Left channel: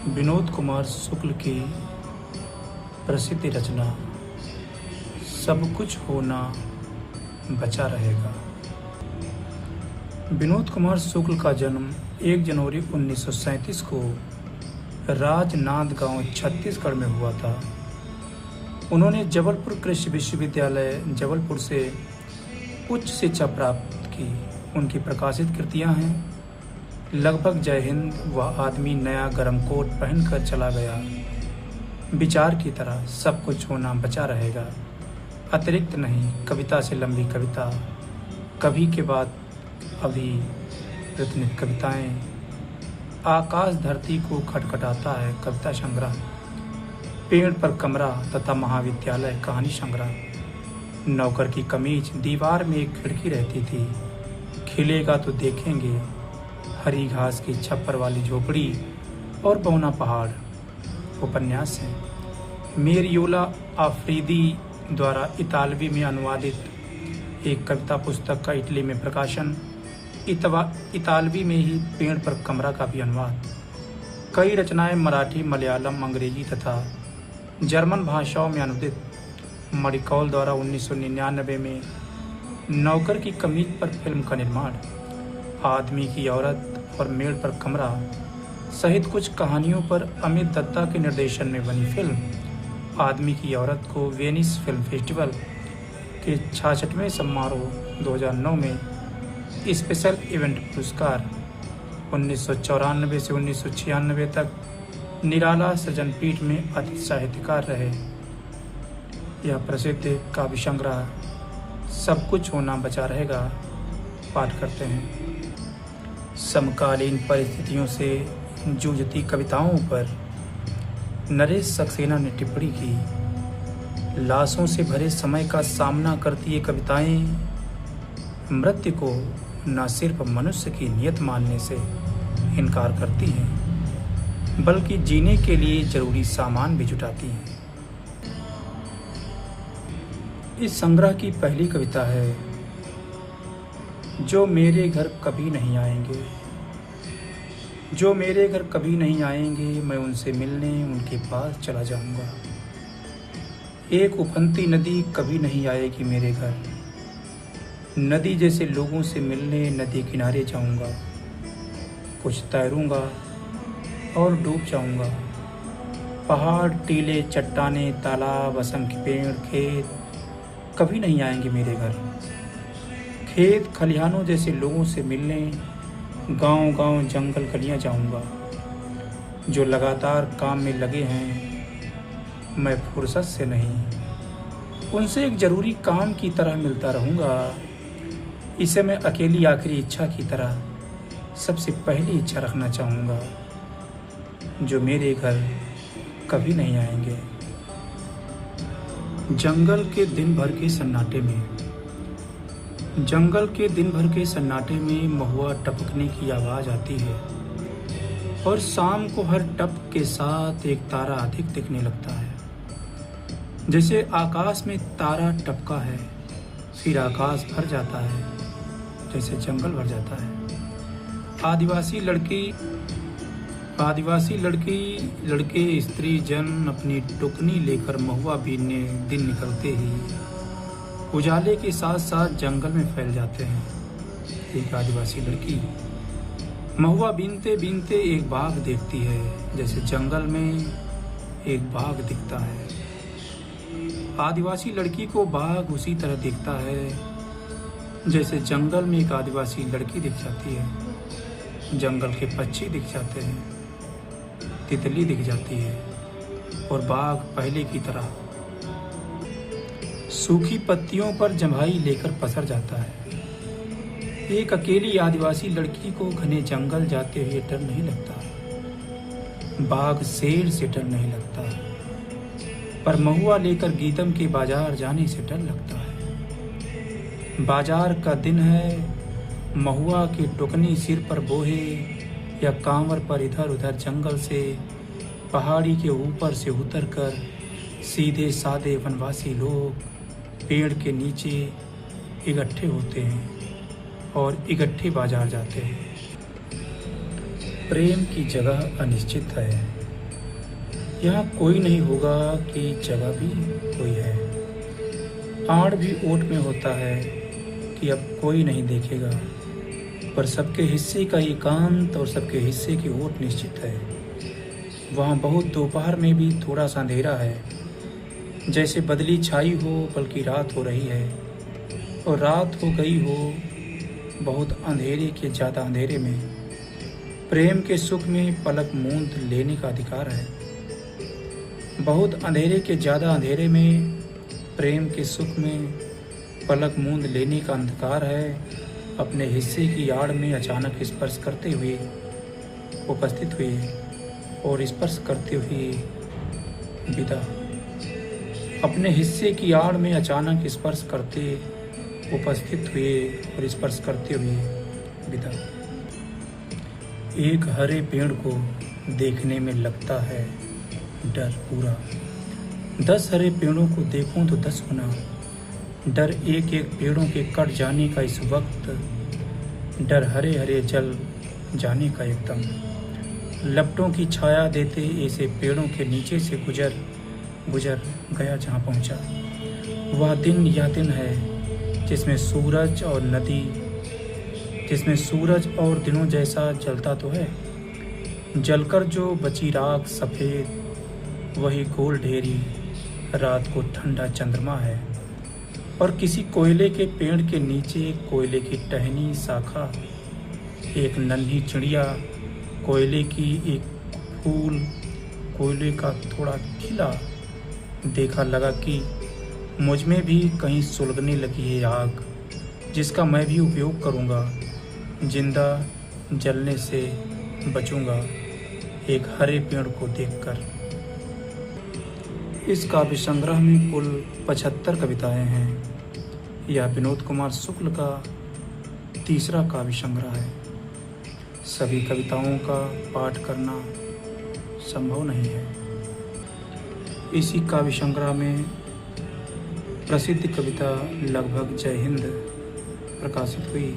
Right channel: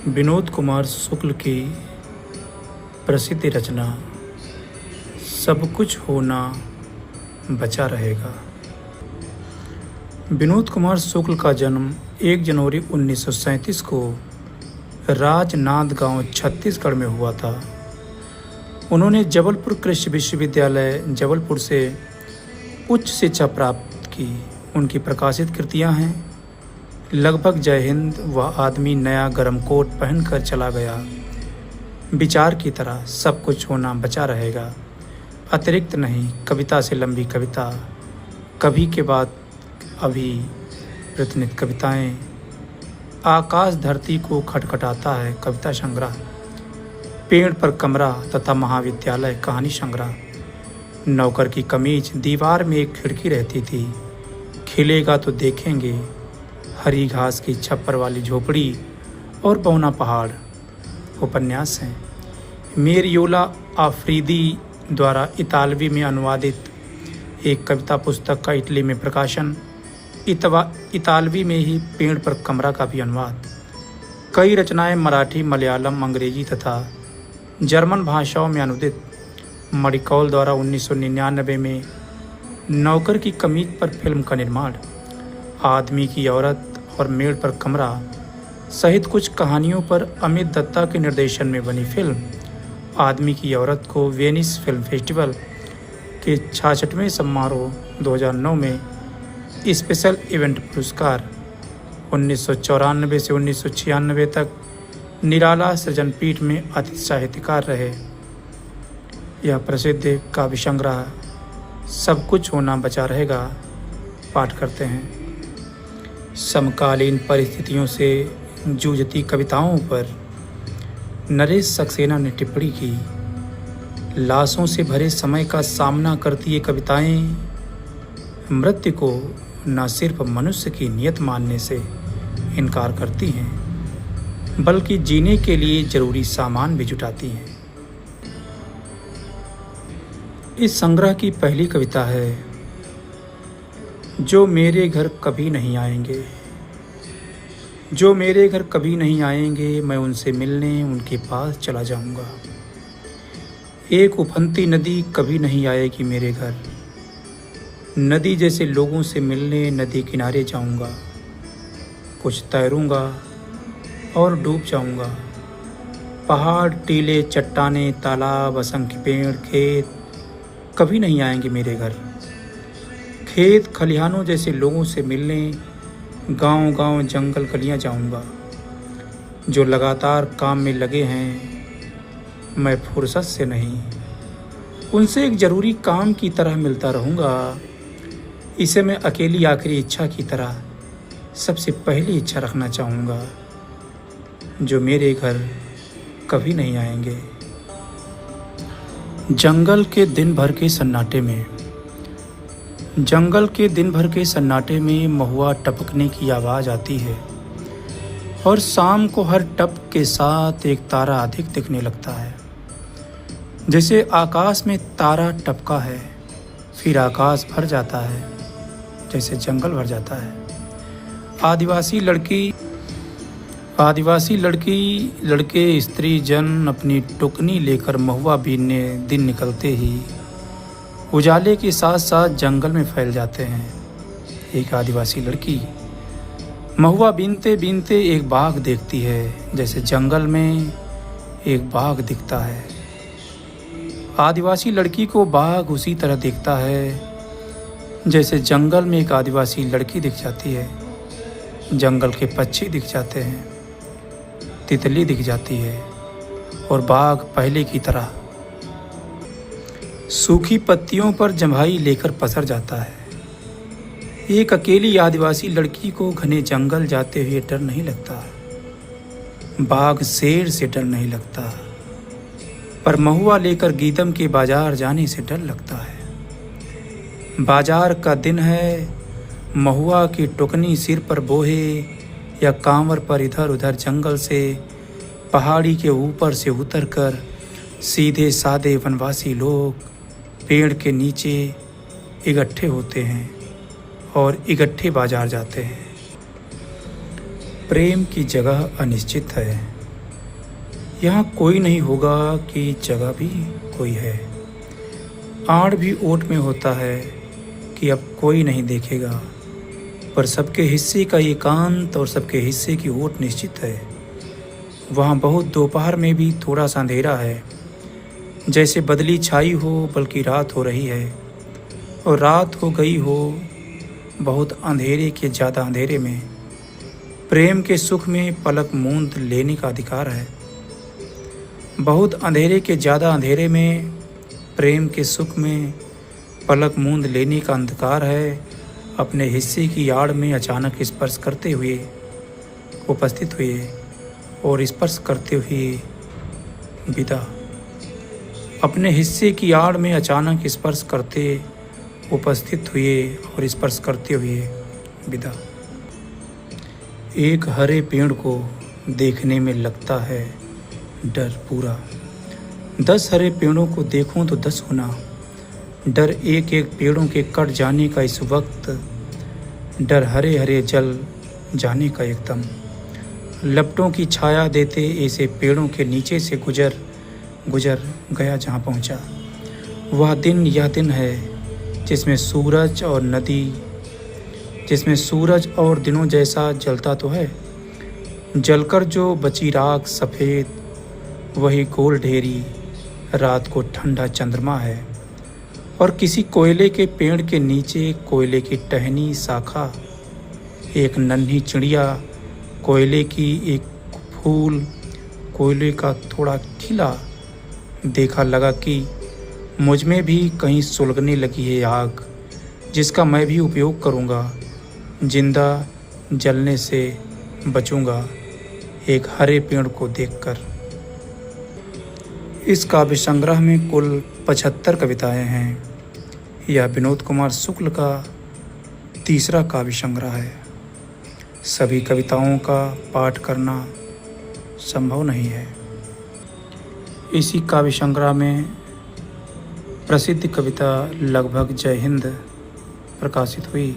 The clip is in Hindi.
विनोद कुमार शुक्ल की प्रसिद्ध रचना सब कुछ होना बचा रहेगा। विनोद कुमार शुक्ल का जन्म 1 जनवरी 1937 को राजनांद गांव छत्तीसगढ़ में हुआ था। उन्होंने जबलपुर कृषि विश्वविद्यालय जबलपुर से उच्च शिक्षा प्राप्त की। उनकी प्रकाशित कृतियां हैं लगभग जय हिंद, वह आदमी नया गर्म कोट पहनकर चला गया, विचार की तरह सब कुछ होना बचा रहेगा, अतिरिक्त नहीं, कविता से लंबी कविता, कभी के बाद अभी, प्रतिनिध कविताएं, आकाश धरती को खटखटाता है कविता संग्रह, पेड़ पर कमरा तथा महाविद्यालय कहानी संग्रह, नौकर की कमीज, दीवार में एक खिड़की रहती थी, खिलेगा तो देखेंगे, हरी घास की छप्पर वाली झोपड़ी और बौना पहाड़ उपन्यास हैं। मेरियोला आफरीदी द्वारा इतालवी में अनुवादित एक कविता पुस्तक का इटली में प्रकाशन, इतालवी में ही पेड़ पर कमरा का भी अनुवाद। कई रचनाएं मराठी, मलयालम, अंग्रेजी तथा जर्मन भाषाओं में अनुदित। मडिकौल द्वारा 1999 में नौकर की कमीज पर फिल्म का निर्माण। आदमी की औरत और मेड़ पर कमरा सहित कुछ कहानियों पर अमित दत्ता के निर्देशन में बनी फिल्म आदमी की औरत को वेनिस फिल्म फेस्टिवल के 66वें समारोह 2009 में स्पेशल इवेंट पुरस्कार, 1994 से 1996 तक निराला सृजन पीठ में अतिथि साहित्यकार रहे। यह प्रसिद्ध काव्य संग्रह सब कुछ होना बचा रहेगा पाठ करते हैं। समकालीन परिस्थितियों से जूझती कविताओं पर नरेश सक्सेना ने टिप्पणी की। लाशों से भरे समय का सामना करती ये कविताएं मृत्यु को न सिर्फ मनुष्य की नियत मानने से इनकार करती हैं, बल्कि जीने के लिए जरूरी सामान भी जुटाती हैं। इस संग्रह की पहली कविता है जो मेरे घर कभी नहीं आएंगे। जो मेरे घर कभी नहीं आएंगे, मैं उनसे मिलने उनके पास चला जाऊंगा। एक उफनती नदी कभी नहीं आएगी मेरे घर। नदी जैसे लोगों से मिलने नदी किनारे जाऊंगा। कुछ तैरूंगा और डूब जाऊंगा। पहाड़, टीले, चट्टाने, तालाब, असंख्य पेड़, खेत कभी नहीं आएंगे मेरे घर। खेत खलिहानों जैसे लोगों से मिलने गांव गांव, जंगल, गलियां जाऊंगा। जो लगातार काम में लगे हैं, मैं फुर्सत से नहीं, उनसे एक ज़रूरी काम की तरह मिलता रहूँगा। इसे मैं अकेली आखिरी इच्छा की तरह सबसे पहली इच्छा रखना चाहूँगा। जो मेरे घर कभी नहीं आएंगे। जंगल के दिन भर के सन्नाटे में, जंगल के दिन भर के सन्नाटे में महुआ टपकने की आवाज़ आती है और शाम को हर टप के साथ एक तारा अधिक दिखने लगता है। जैसे आकाश में तारा टपका है, फिर आकाश भर जाता है, जैसे जंगल भर जाता है। आदिवासी लड़के स्त्री जन अपनी टुकनी लेकर महुआ बीनने दिन निकलते ही उजाले के साथ साथ जंगल में फैल जाते हैं। एक आदिवासी लड़की महुआ बीनते बीनते एक बाघ देखती है, जैसे जंगल में एक बाघ दिखता है। आदिवासी लड़की को बाघ उसी तरह दिखता है जैसे जंगल में एक आदिवासी लड़की दिख जाती है। जंगल के पक्षी दिख जाते हैं, तितली दिख जाती है और बाघ पहले की तरह सूखी पत्तियों पर जम्हाई लेकर पसर जाता है। एक अकेली आदिवासी लड़की को घने जंगल जाते हुए डर नहीं लगता, बाघ शेर से डर नहीं लगता, पर महुआ लेकर गीदम के बाजार जाने से डर लगता है। बाजार का दिन है, महुआ की टुकनी सिर पर बोहे या कांवर पर इधर उधर जंगल से पहाड़ी के ऊपर से उतरकर सीधे सादे वनवासी लोग पेड़ के नीचे इकट्ठे होते हैं और इकट्ठे बाजार जाते हैं। प्रेम की जगह अनिश्चित है, यहाँ कोई नहीं होगा कि जगह भी कोई है। आड़ भी ओट में होता है कि अब कोई नहीं देखेगा, पर सबके हिस्से का एकांत और सबके हिस्से की ओट निश्चित है। वहाँ बहुत दोपहर में भी थोड़ा सा अंधेरा है, जैसे बदली छाई हो बल्कि रात हो रही है, और रात हो गई हो बहुत अंधेरे के ज़्यादा अंधेरे में। प्रेम के सुख में पलक मूंद लेने का अधिकार है। बहुत अंधेरे के ज़्यादा अंधेरे में प्रेम के सुख में पलक मूंद लेने का अंधकार है। अपने हिस्से की आड़ में अचानक स्पर्श करते हुए उपस्थित हुए और स्पर्श करते हुए विदा। अपने हिस्से की आड़ में अचानक स्पर्श करते उपस्थित हुए और स्पर्श करते हुए विदा। एक हरे पेड़ को देखने में लगता है डर पूरा। 10 हरे पेड़ों को देखूं तो 10 गुना डर। एक एक पेड़ों के कट जाने का इस वक्त डर। हरे हरे जल जाने का एकदम लपटों की छाया देते ऐसे पेड़ों के नीचे से गुजर गया जहाँ पहुँचा। वह दिन यह दिन है जिसमें सूरज और नदी, जिसमें सूरज और दिनों जैसा जलता तो है, जलकर जो बची राख सफ़ेद वही गोल ढेरी रात को ठंडा चंद्रमा है। और किसी कोयले के पेड़ के नीचे कोयले की टहनी शाखा, एक नन्ही चिड़िया, कोयले की एक फूल, कोयले का थोड़ा खिला देखा लगा कि मुझ में भी कहीं सुलगने लगी है आग, जिसका मैं भी उपयोग करूँगा, जिंदा जलने से बचूँगा एक हरे पेड़ को देखकर। इस काव्य संग्रह में कुल 75 कविताएं हैं। यह विनोद कुमार शुक्ल का तीसरा काव्य संग्रह है। सभी कविताओं का पाठ करना संभव नहीं है। इसी काव्य संग्रह में प्रसिद्ध कविता लगभग जय हिंद प्रकाशित हुई।